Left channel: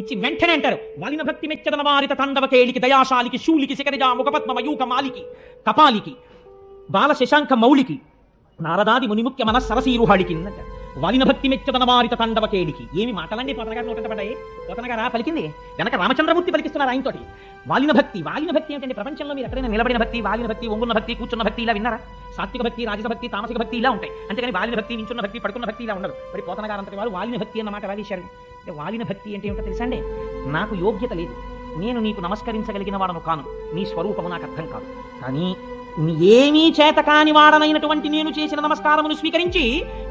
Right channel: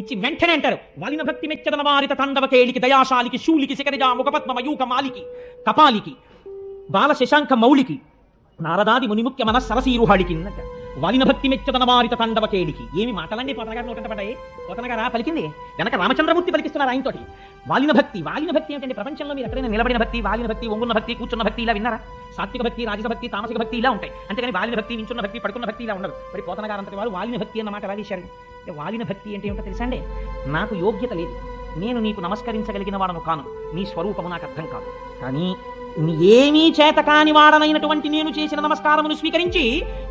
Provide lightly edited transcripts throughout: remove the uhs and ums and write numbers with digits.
ఇచ్చి వెంటనే అంటారు వాలిన భక్తి మెచ్చదన వారిత తాండవ కేళికి దయాశాలికి శూలికి శిఖరిగా ముఖపద్మ మయూక మాలికి కపాలికి బాల శశాంక మౌలికి నారదాది మునిముఖ్య మన సరసీరుహాడికి వాలిన భక్తి మెచ్చదన వారిత తాండవ కేళికి. ఏమి మాటలన్నీ పోతన గారు నోట పడ్డాయి. పోతన గారు పలికింది వెనక రామచంద్రమూర్తి పలికిస్తున్నారు ఆయనతో. వాలిన భక్తి ఏంటంటే ప్రపంచంలో మీరు ఎక్కడైనా నిలబడిన భక్తి, వాలిన భక్తి, ఒంగున్న భక్తి, కూర్చున్న భక్తి ఇలా విన్నారా? సాత్విక భక్తి, రాజస భక్తి, తామసిక భక్తి ఇలా ఉంటాయి. అంతేగాని వాలిన భక్తి, నించున్న భక్తి, పడుకున్న భక్తి ఇలా ఉండదు. మరి పోతన గారు అంతటి వారు వాలిన భక్తి అన్న మాట ఎలా చేశారు? వాలిన భక్తి అంటే ఏమిటో తెలుసండి. నాకు యోగ్యత లేదు, నేను నీకు నమస్కరించగలిగిన వాడను కాను, నీ స్వరూపము నాకు అర్థం కాదు, కానీ ఏమీ చేత కాని వాడనైనటువంటి నేను చేసిన నమస్కారమును స్వీకరించి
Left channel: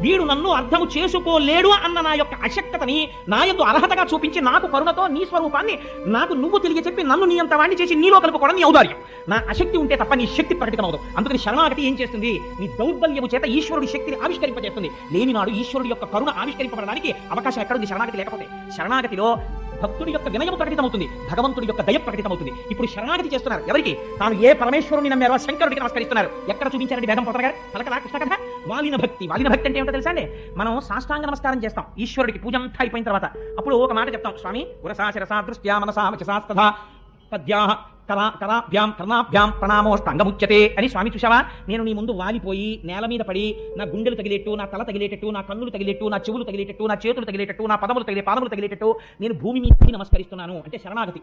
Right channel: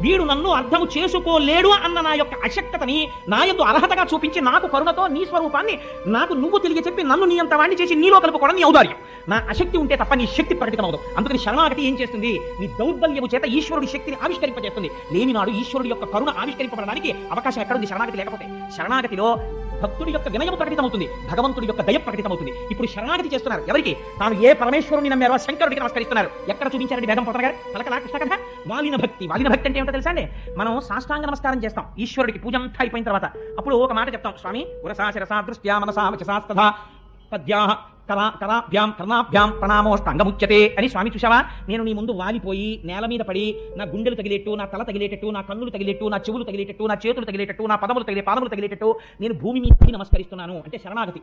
వీడు నన్ను అర్థము చేసుకోలేడు అన్న నా యొక్క అశక్తతని నా యొక్క అర్హతగా చూపించి నాకు కరుణతో నీ స్వరూపాన్ని నాకు నువ్వు తిరిగి చెప్పి నన్ను నీ అంత వాడిని చేసి నీలో కలుపుకోవడం నీ ఔదార్యం. నా అశక్తి ఉంటే తప్ప నీ శక్తి ప్రకటితమవుదు. అందుకని శరణాగతి ఏం చేస్తుంది? నీ దౌర్బల్యము చేత ఈశ్వరుడు శక్తిని ఆవిష్కరింపజేస్తుంది. లేనినాడు ఈశ్వరుడు యొక్క కరుణ ఆవిష్కరింపబడడానికి అవకాశం ఎక్కడుంది? శరణాగతి లేకపోతే. శరణాగతిలో భక్తుడి యొక్క వినయం ప్రకటితమవుతుంది, భగవంతుడి యొక్క దయ ప్రకటితమవుతుంది. ఇప్పుడు శరణాగతి చేస్తున్నారు ఎవరికి? తాను ఏ పరమేశ్వరుని నమ్మారో శంకరుడికి నమస్కరిస్తున్నారు. ఎక్కడ చూపించారండి వేదం పోతన గారు? పలకలా కృష్ణ కథ. వాలిన భక్తి అంటే ఏమిటో తెలుసా అండి? మనం సాష్టాంగ నమస్కారం చేస్తాం ఈశ్వరుడికి పూజ అంతా అయిపోయిన తర్వాత. అప్పుడు ఒక మాట చెప్తాం, స్వామి ఉరసా శిరసా దృష్ట్యా మనసా వచసా పద్యాః కరాభ్యాం కర్ణాభ్యాం ప్రణామోష్టాంగముచ్యతే అని. స్వామి చూసావా, నేను నీ ముందు వాలిపోయి నేల మీద పడి నా గుండెలు తగిలేట్టు, నా తల తగిలేటట్టు, నా కన్నులు తగిలేట్టు, నా చెవులు తగిలేటట్టు, నా చేతులు తగిలేటట్టు, నా పాదములు తగిలేటట్టు నేను భూమి మీద నమస్కరిస్తున్నాను అంటే శరణాగతి.